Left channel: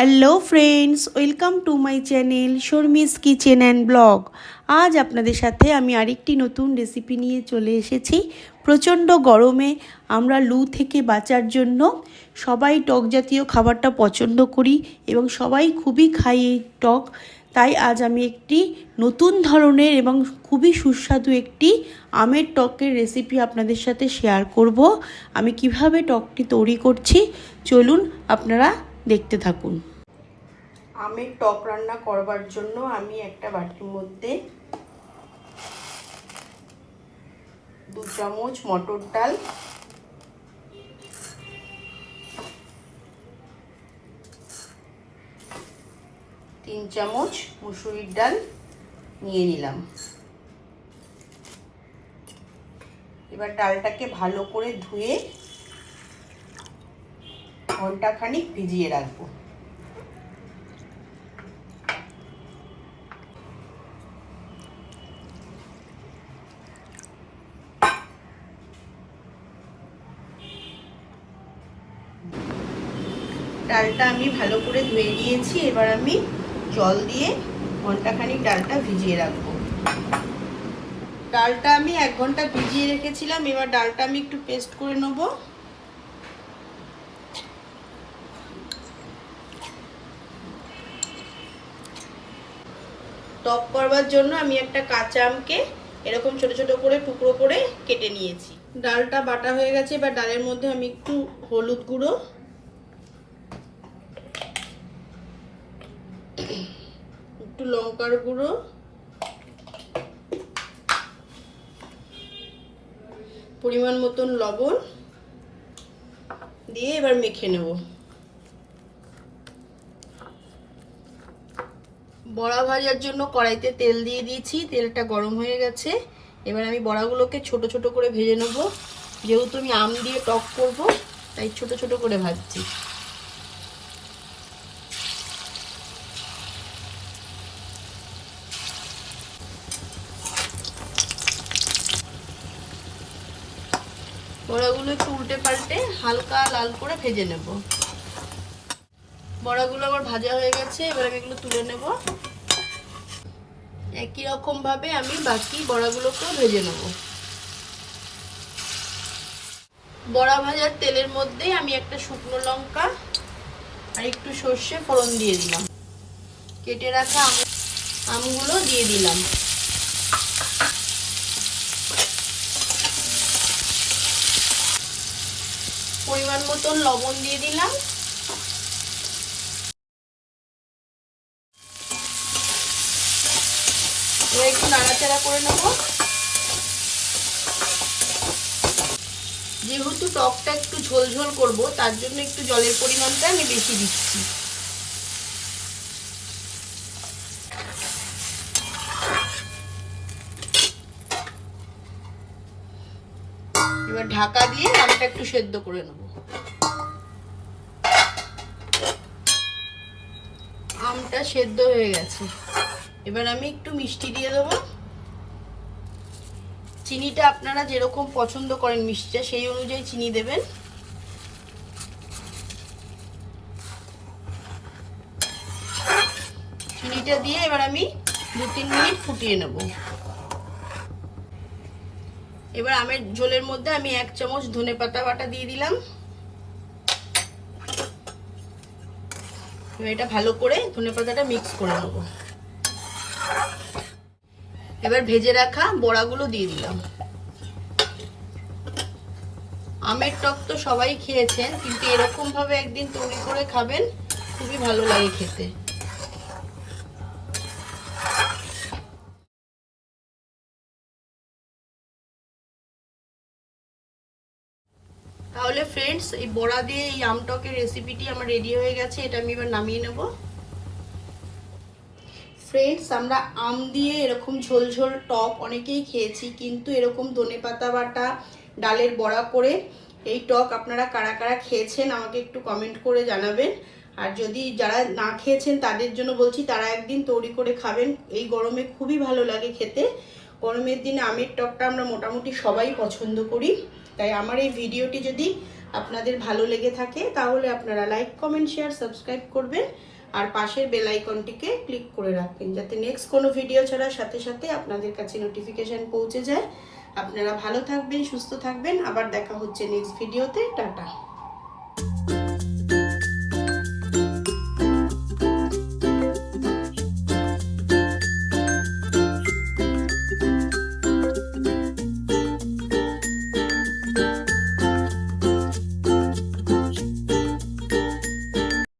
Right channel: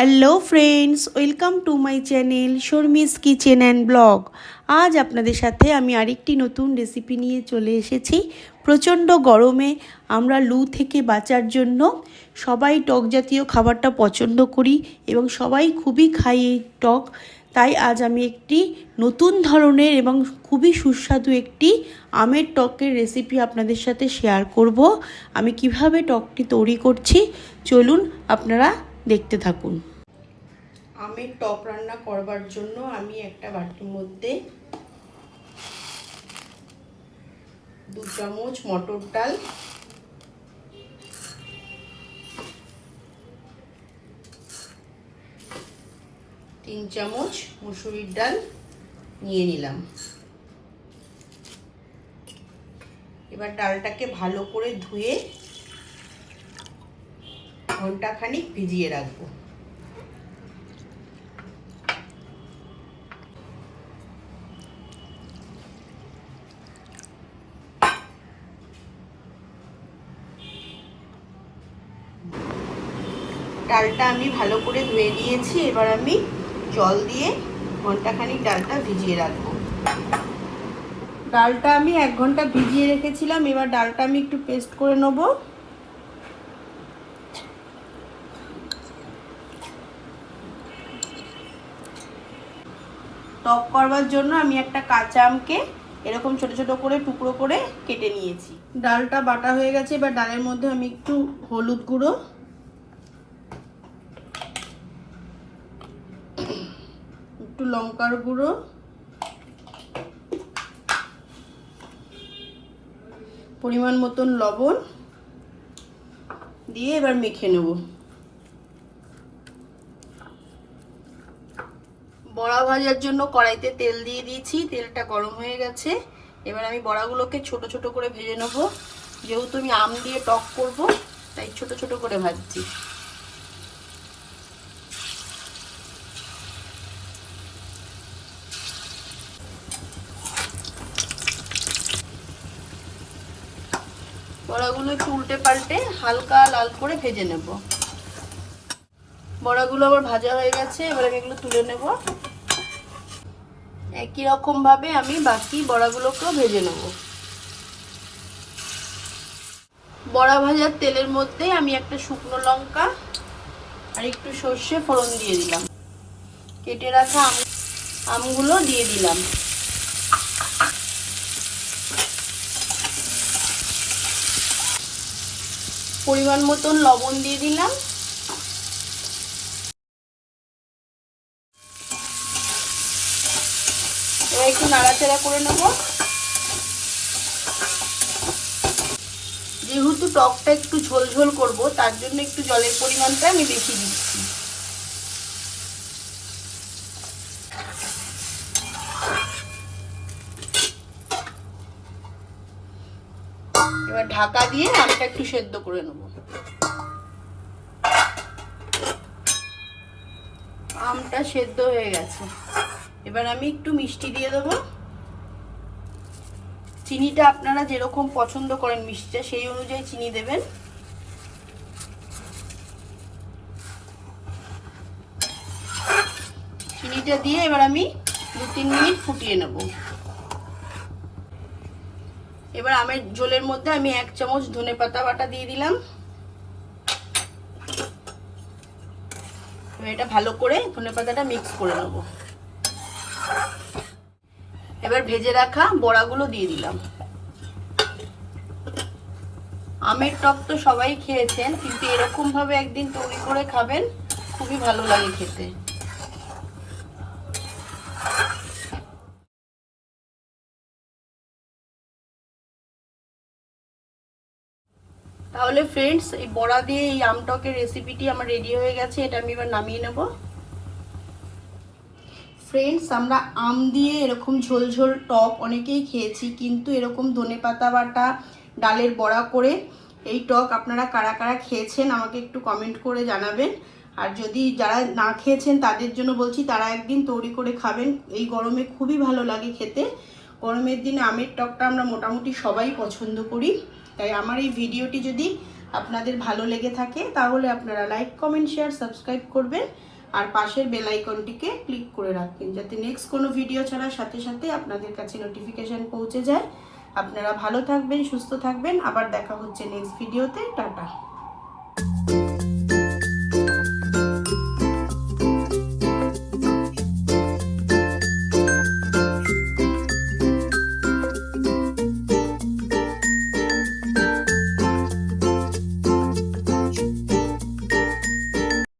Hello friends welcome to my channel Sharmi's kitchen and vlog আজ আপনাদের সাথে আমি আরেকটি নতুন রেসিপি নিয়ে চলে এসেছি। প্রচণ্ড গরমে আমরা লু থেকে বাঁচার জন্য সবাই টক জাতীয় খাবারটা পছন্দ করি এবং সবাই খুবই খাই এই টক। তাই আজ আমি একটি নতুন ধরনের এবং খুবই সুস্বাদু একটি আমের টকের রেসিপি আপনাদের সাথে শেয়ার করব। আমি কীভাবে টকটি তৈরি করছি? চলুন আপনারা দেখতে থাকুন। আমের টক রান্না করবার জন্য আমি একটা বাটির মধ্যে দু চামচ মটর ডাল, তিন চামচ মুসুরির ডাল নিয়ে নিলাম। এবার ডালটাকে ভালো করে ধুয়ে ঘন্টাখানিক ভিজিয়ে রাখব। ডালটা আমি ভালো করে ধুয়ে নিয়েছি, এবার আমি জল দিয়ে ঘণ্টা ঘন্টাখানিক ডালটা ভিজিয়ে রাখব। ডালটা আমি এক ঘণ্টা ভিজিয়ে রেখেছিলাম, এবার ডালটা আমি একটু পেস্ট করে নেব। টক করবার জন্য আমি একটা কাঁচা আমকে এরকম ছোট ছোট করে, টুকরো করে কেটে নিয়েছি। ডালটা বাটা হয়ে গেছে, এবার ডালের মধ্যে আমি একটু হলুদ গুঁড়ো। একটু লঙ্কার গুঁড়ো। পরিমাণ মতন লবণ। দিয়ে এবার মেখে নেব। বড়া ভাজার জন্য কড়াইতে তেল দিয়ে দিয়েছি, তেলটা গরম হয়ে গেছে। এবার আমি বড়াগুলোকে ছোট ছোট করে ভেজে নেব। যেহেতু আমি আম দিয়ে টক করব, তাই ছোট ছোট করে ভাজছি। বড়াগুলো একটু উল্টে পাল্টে হালকা লাল করে ভেজে নেব। বড়াগুলো আবার ভাজা হয়ে গেছে, এবার আমি এগুলো তুলে নেব। একই রকম ভাবে আমি বাকি বড়াগুলোকেও ভেজে নেব। বড়া ভাজার তেলের মধ্যে আমি একটা শুকনো লঙ্কা আর একটু সর্ষে ফোড়ন দিয়ে দিলাম। কেটে রাখা আমগুলো দিয়ে দিলাম। পরিমাণ মতন লবণ দিয়ে দিলাম এবার একটু নাড়াচাড়া করে নেব। যেহেতু টকটা একটু ঝোল ঝোল করব, তার জন্য একটু জলের পরিমাণটা আমি বেশি দিচ্ছি। এবার ঢাকা দিয়ে আমটা একটু সেদ্ধ করে নেব। আমটা সেদ্ধ হয়ে গেছে। এবার আমি একটু মিষ্টি দিয়ে দেবো। চিনিটা আপনারা যেরকম পছন্দ করেন মিষ্টিটা, সেই অনুযায়ী চিনি দেবেন। চিনিটা দিয়ে এবার আমি দু তিন মিনিট ফুটিয়ে নেব। এবার আমের ঝোলের মধ্যে আমি এক চামচ ধনে পাতা বাটা দিয়ে দিলাম। এটা ভালো করে ধনে পাতাটা মিক্স করে নেব। এবার ভেজে রাখা বড়াগুলো দিয়ে দিলাম। আমের টক তো সবাই খেয়েছেন, কিন্তু এরকম ভাবে একদিন তৈরি করে খাবেন, খুবই ভালো লাগে খেতে। তাহলে ফ্রেন্ডস এই বড়া দিয়ে এই আমটকের রেসিপিটি আমার রেডি হয়ে গেছে, এটা আমি এবার নামিয়ে নেব। ফ্রেন্ডস আমরা আম দিয়ে এরকম ঝোল ঝোল টক অনেকেই খেয়েছি, কিন্তু এরকম ধনে পাতা বাটা, ডালের বড়া করে এই টক আপনারা কারা কারা খেয়েছেন আমাকে একটু কমেন্ট করে জানাবেন। আর যদি যারা না খেয়েছেন তাদের জন্য বলছি, তারা একদিন তৈরি করে খাবেন। এই গরমে খুবই ভালো লাগে খেতে। গরমের দিনে আমের টকটা আমরা মোটামুটি সবাই পছন্দ করি। তাই আমার এই ভিডিওটি যদি আপনাদের ভালো লেগে থাকে, তাহলে আপনারা লাইক কমেন্ট শেয়ার সাবস্ক্রাইব করবেন। আর পাশের বেল আইকনটিকে ক্লিক করে রাখবেন যাতে নেক্সট কোনো ভিডিও ছাড়ার সাথে সাথে আপনাদের কাছে নোটিফিকেশন পৌঁছে যায়। আপনারা ভালো থাকবেন, সুস্থ থাকবেন। আবার দেখা হচ্ছে নেক্সট ভিডিওতে টাটা।